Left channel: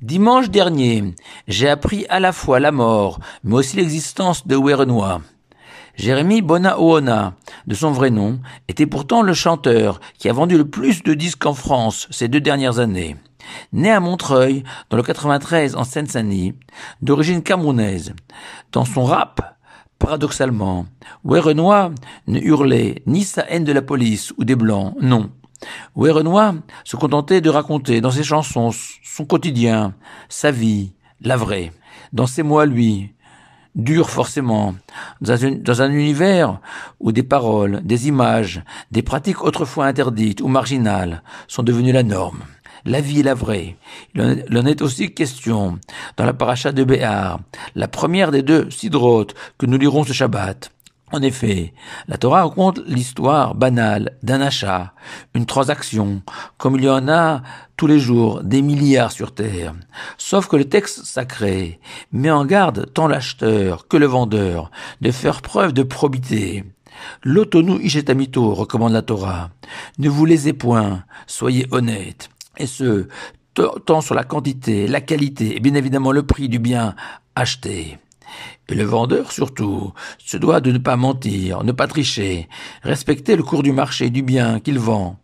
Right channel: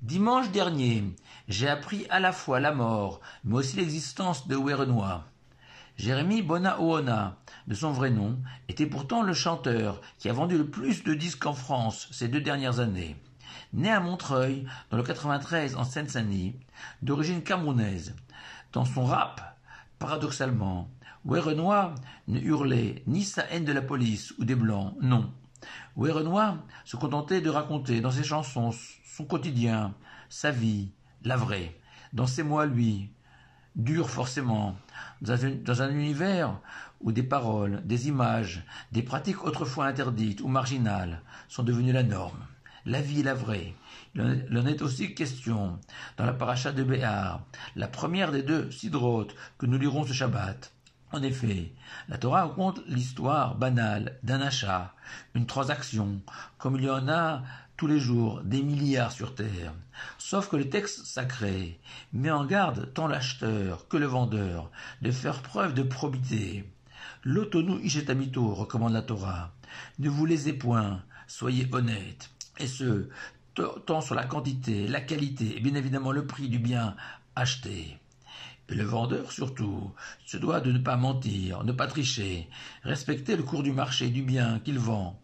Dimanche dernier, j'ai appris à la fois la mort, mais aussi l'existence de Werenoi. Jérémy Bonaoona, de son vrai nom, était pourtant le chanteur qui a vendu le plus de disques en France ces 2 dernières années. Né à Montreuil, dans le 93 en Seine-Saint-Denis, d'origine camerounaise. Dans son rap, paradoxalement, Werenoi ne hurlait ni sa haine de la police ou des Blancs, non. Werenoi se contentait de raconter dans ses chansons son quotidien, sa vie, la vraie. Dans ses mots à lui, dur forcément, dans un univers où des paroles, des images, des pratiques autrefois interdites ou marginales sont devenues la norme. La vie est la vraie. Il en est aussi question dans la paracha de Béar, la première des 2 sidrotes que nous lirons ce Shabbat. En effet, la Torah raconte l'histoire banale d'un achat, une transaction, comme il y en a tous les jours des milliards sur terre. Sauf que le texte sacré met en garde tant l'acheteur que le vendeur de faire preuve de probité. L'otonu ishetamito, recommande la Torah. Ne vous lésez point, soyez honnêtes. Et ce, tant sur la quantité, la qualité et bien évidemment le prix du bien acheté. Et le vendeur, surtout, se doit de ne pas mentir, ne pas tricher, respecter le cours du marché du bien qu'il vend,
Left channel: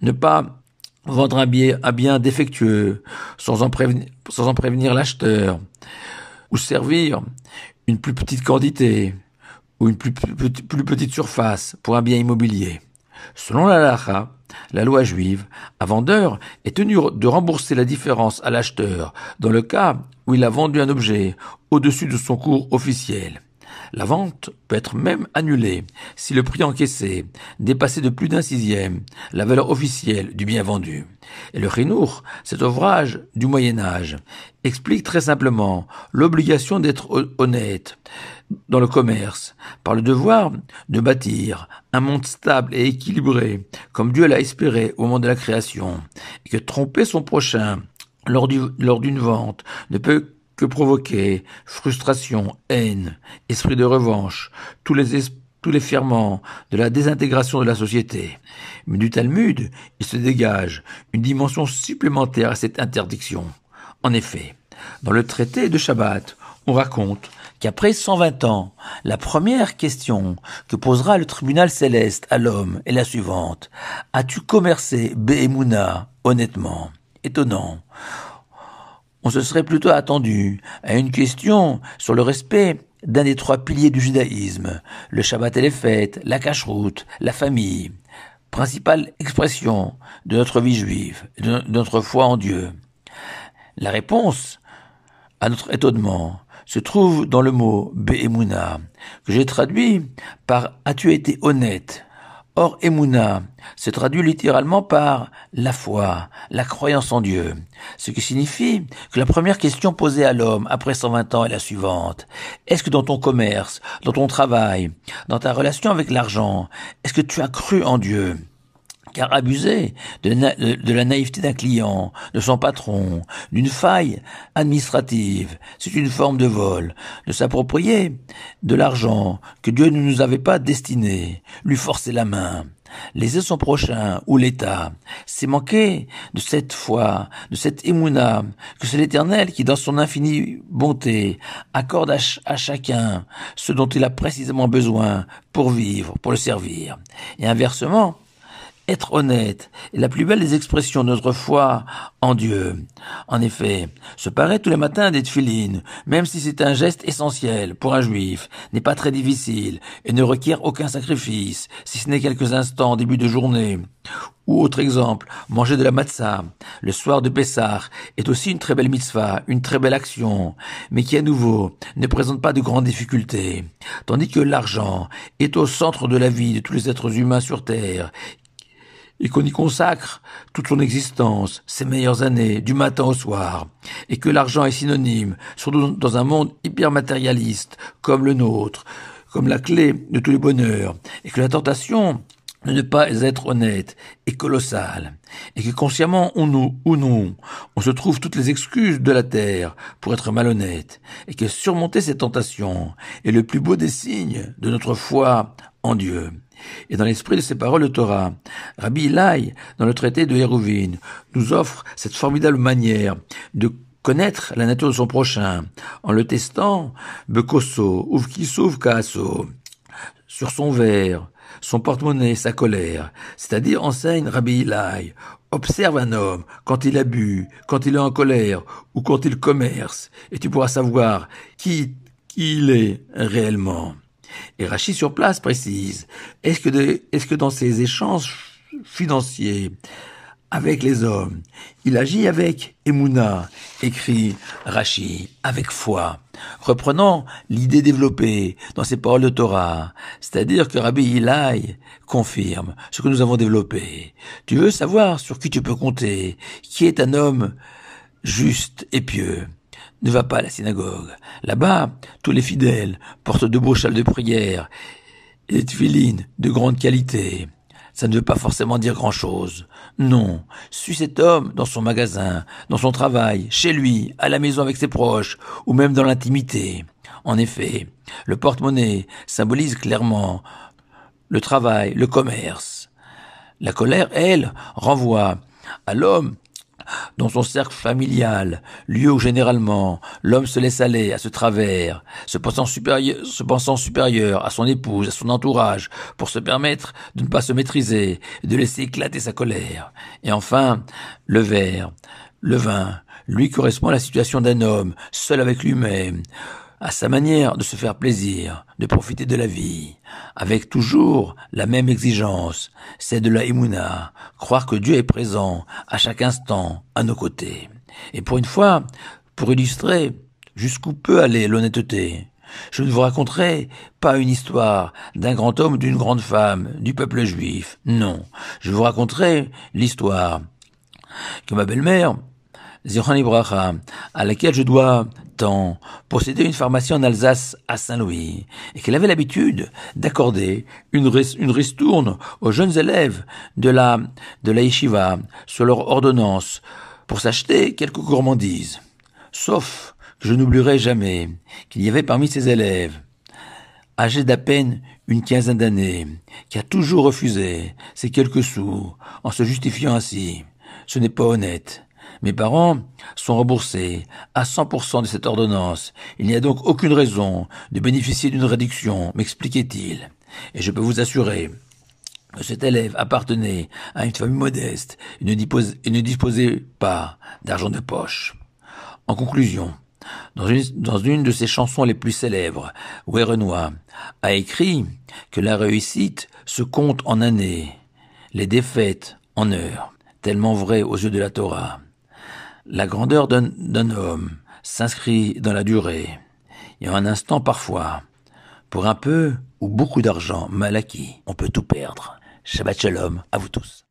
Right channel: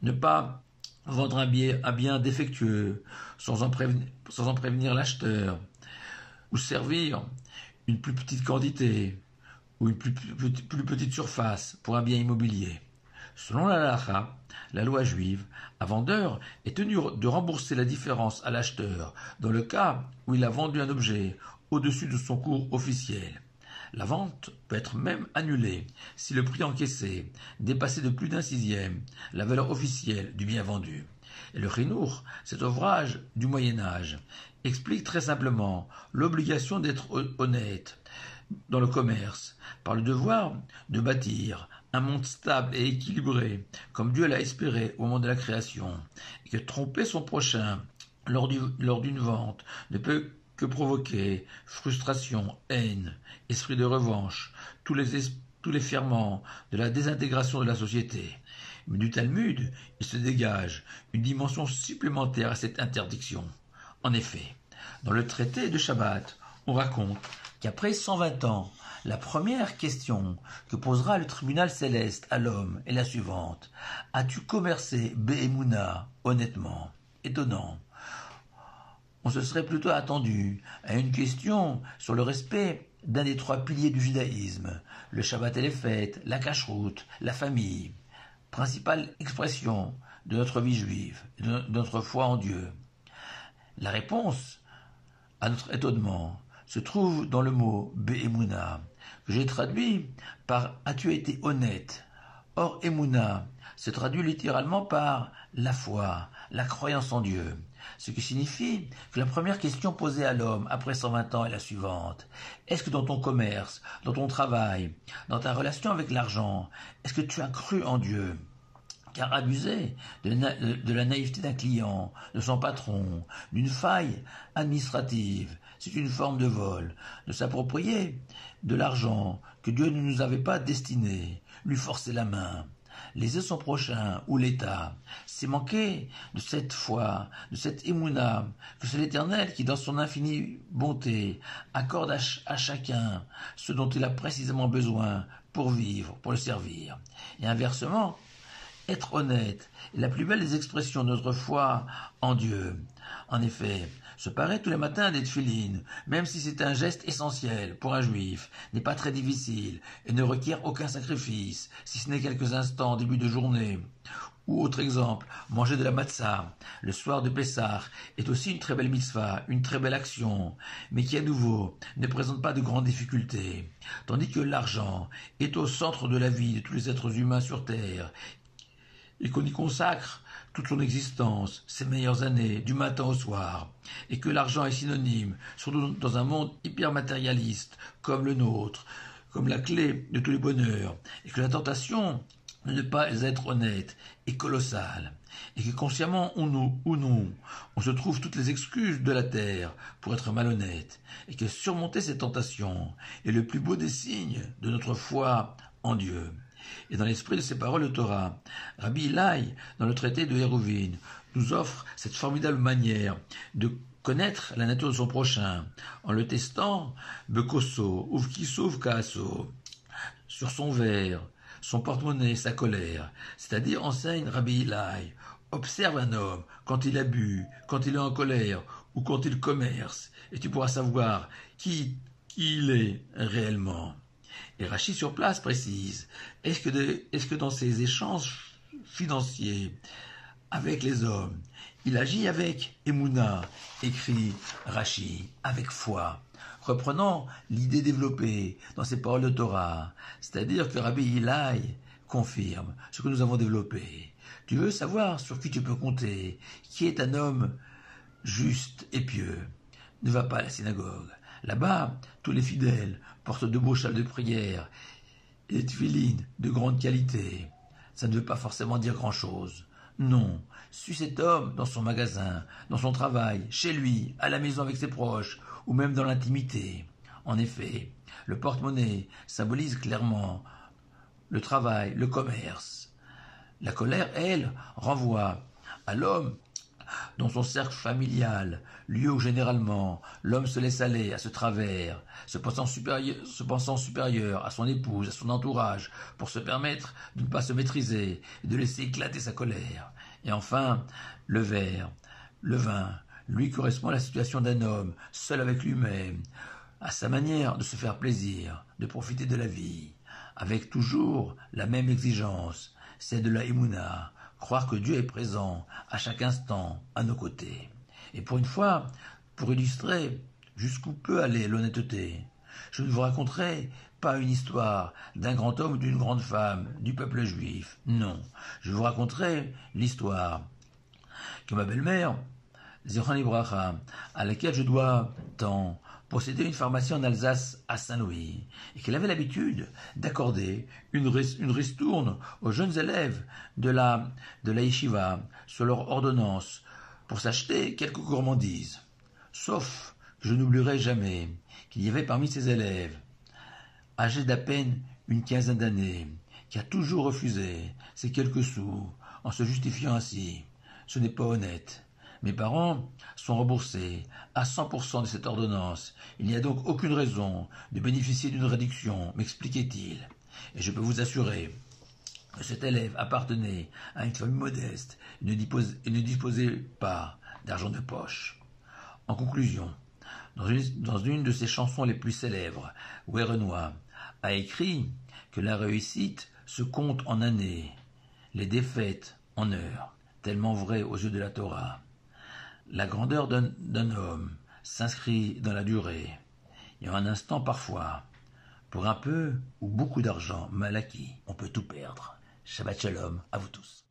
ne pas vendre un bien défectueux sans en prévenir l'acheteur, ou servir une plus petite quantité ou une plus petite surface pour un bien immobilier. Selon la halakha, la loi juive, un vendeur est tenu de rembourser la différence à l'acheteur dans le cas où il a vendu un objet au-dessus de son cours officiel. La vente peut être même annulée si le prix encaissé dépassait de plus d'1/6 la valeur officielle du bien vendu. Et le Chinour, cet ouvrage du Moyen-Âge, explique très simplement l'obligation d'être honnête dans le commerce, par le devoir de bâtir un monde stable et équilibré, comme Dieu l'a espéré au moment de la création, et que tromper son prochain lors d'une vente ne peut que provoquer frustration, haine, esprit de revanche, tous les ferments de la désintégration de la société. Mais du Talmud, il se dégage une dimension supplémentaire à cette interdiction. En effet, dans le traité de Shabbat, on raconte qu'après 120 ans, la première question que posera le tribunal céleste à l'homme est la suivante. As-tu commercé Be'emouna honnêtement? Étonnant. On se serait plutôt attendu à une question sur le respect d'un des 3 piliers du judaïsme, le Shabbat et les fêtes, la cacheroute, la famille, principale expression de notre vie juive, de notre foi en Dieu. La réponse à notre étonnement se trouve dans le mot Be'emouna, que j'ai traduit par « as-tu été honnête ?» Or, Emouna se traduit littéralement par la foi, la croyance en Dieu, ce qui signifie que la première question posée à l'homme après 120 ans est la suivante. Est-ce que dans ton commerce, dans ton travail, dans ta relation avec l'argent, est-ce que tu as cru en Dieu ? Car abuser de la naïveté d'un client, de son patron, d'une faille administrative, c'est une forme de vol, de s'approprier de l'argent que Dieu ne nous avait pas destiné, lui forcer la main. Léser son prochain ou l'État, c'est manquer de cette foi, de cette émouna, que c'est l'Éternel qui, dans son infinie bonté, accorde à chacun ce dont il a précisément besoin pour vivre, pour le servir. Et inversement, être honnête est la plus belle des expressions de notre foi en Dieu. En effet, se parer tous les matins des tefilines, même si c'est un geste essentiel pour un juif, n'est pas très difficile et ne requiert aucun sacrifice, si ce n'est quelques instants en début de journée. Ou autre exemple, manger de la matzah le soir de Pessah est aussi une très belle mitzvah, une très belle action, mais qui à nouveau ne présente pas de grandes difficultés. Tandis que l'argent est au centre de la vie de tous les êtres humains sur terre, et qu'on y consacre toute son existence, ses meilleures années, du matin au soir, et que l'argent est synonyme, surtout dans un monde hyper matérialiste comme le nôtre, comme la clé de tous les bonheurs, et que la tentation de ne pas être honnête est colossale, et que consciemment ou non, on se trouve toutes les excuses de la terre pour être malhonnête, et que surmonter ces tentations est le plus beau des signes de notre foi en Dieu. Et dans l'esprit de ces paroles de Torah, Rabbi Ilai, dans le traité de Hérouvine, nous offre cette formidable manière de connaître la nature de son prochain, en le testant, bekoso, uvkiso, uvkaaso, sur son verre, son porte-monnaie, sa colère, c'est-à-dire enseigne Rabbi Ilai. Observe un homme quand il a bu, quand il est en colère ou quand il commerce, et tu pourras savoir qui il est réellement. Et Rachid sur place précise, est-ce que dans ces échanges financiers avec les hommes, il agit avec Emouna, écrit Rachid, avec foi, reprenant l'idée développée dans ses paroles de Torah, c'est-à-dire que Rabbi Ilai confirme ce que nous avons développé. Tu veux savoir sur qui tu peux compter, qui est un homme juste et pieux. Ne va pas à la synagogue. Là-bas, tous les fidèles portent de beaux châles de prière et des tefilines de grande qualité. Ça ne veut pas forcément dire grand-chose. Non, suis cet homme dans son magasin, dans son travail, chez lui, à la maison avec ses proches, ou même dans l'intimité. En effet, le porte-monnaie symbolise clairement le travail, le commerce. La colère, elle, renvoie à l'homme dans son cercle familial, lieu où généralement l'homme se laisse aller à ce travers, se pensant supérieur à son épouse, à son entourage, pour se permettre de ne pas se maîtriser, de laisser éclater sa colère. Et enfin, le verre, le vin, lui correspond à la situation d'un homme, seul avec lui-même, à sa manière de se faire plaisir, de profiter de la vie, avec toujours la même exigence, c'est de la Emouna, croire que Dieu est présent à chaque instant à nos côtés. Et pour une fois, pour illustrer jusqu'où peut aller l'honnêteté, je ne vous raconterai pas une histoire d'un grand homme ou d'une grande femme du peuple juif, non, je vous raconterai l'histoire que ma belle-mère, Zichron Libracha, à laquelle je dois tant, possédait une pharmacie en Alsace à Saint-Louis, et qu'elle avait l'habitude d'accorder une ristourne aux jeunes élèves de la yeshiva sur leur ordonnance pour s'acheter quelques gourmandises. Sauf que je n'oublierai jamais qu'il y avait parmi ces élèves, âgé d'à peine une quinzaine d'années, qui a toujours refusé ces quelques sous en se justifiant ainsi. Ce n'est pas honnête. Mes parents sont remboursés à 100% de cette ordonnance. Il n'y a donc aucune raison de bénéficier d'une réduction, m'expliquait-il. Et je peux vous assurer que cet élève appartenait à une famille modeste et ne disposait pas d'argent de poche. En conclusion, dans une de ses chansons les plus célèbres, Werenoi a écrit que la réussite se compte en années, les défaites en heures, tellement vrai aux yeux de la Torah. La grandeur d'un homme s'inscrit dans la durée, et en un instant parfois, pour un peu ou beaucoup d'argent mal acquis, on peut tout perdre. Shabbat Shalom à vous tous.